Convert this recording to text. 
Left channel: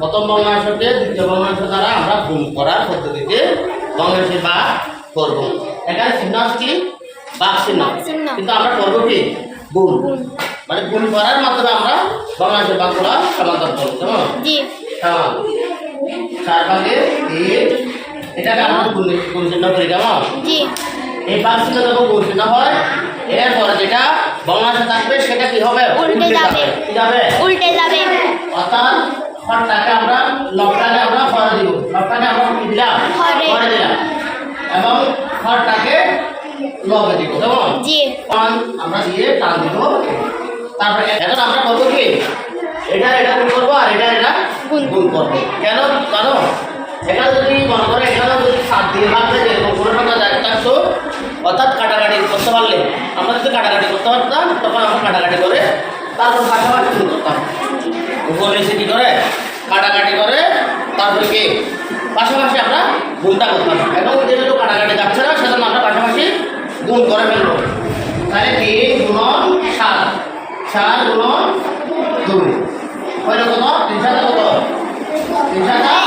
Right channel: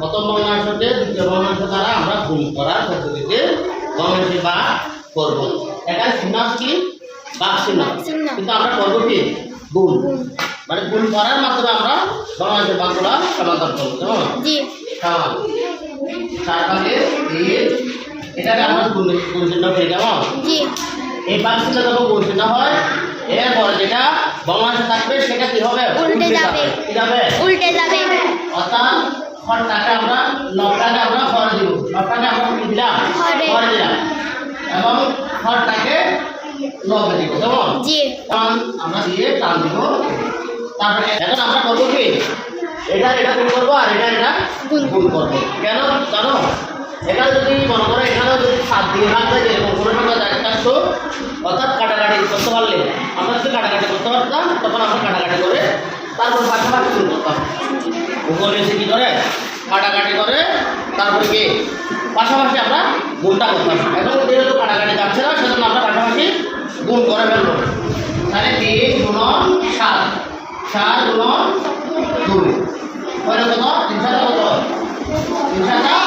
প্রথম ভগ্নাংশকে দ্বিতীয় ভগ্নাংশ দ্বারা আমরা গুণ করার পদ্ধতিতে ভগ্নাংশে ভাগ করব। এখানে চিহ্ন কি ভাগ চিহ্ন, কিন্তু আমরা করবো কি গুণ, মানে গুণ করার মাধ্যমে আমরা ভগ্নাংশে ভাগ করা সমাধান করবো। কেমন? হ্যাঁ, 4 ভাগে 3, এটাকে আমরা গুণ চিহ্ন করি। কেমন? এই ভাগ চিহ্ন যখন গুণ চিহ্ন হয়, এরপরে যেটা ভগ্নাংশ থাকবে সেটা কি হবে? উল্টে যাবে। কি যাবে? উল্টে যাবে। অর্থাৎ হরটাকে আমরা লবটাকে আমরা হরে দিব, লবটাকে আমরা কি দিলাম? হরে দিলাম, এবং হরটাকে লবে দিব। কেমন? আমরা দিয়ে টান দিব। তারপরে এখন আমরা করবো কি, এটা গুণ করবো আর এটা গুণ করবো। কেন জানো? এখানে যদি মনে করো এখানে যদি 7 দিয়ে ভাগ দেয়, এরকম কোনো টাকা যায় থাকতো, অর্থাৎ কাটাকাটি করতে পারলে আমরা যদি কাটাকাটি করতে পারতাম তখন আমরা কাটাকাটি করে তারপর পাশাপাশি গুণ করতাম। উপরে এসে কী করে কাটাকাটি করে তারপরে কি পাশাপাশি আমরা গুণটা করতাম। এখন যেহেতু কাটাকাটি যাচ্ছে না, সেজন্য আমরা পাশাপাশি গুণ করে ফেলবো। তাহলে 3 গুণন 7, 4 গুণন 2 হইল কত? 3 7 কত? 3 7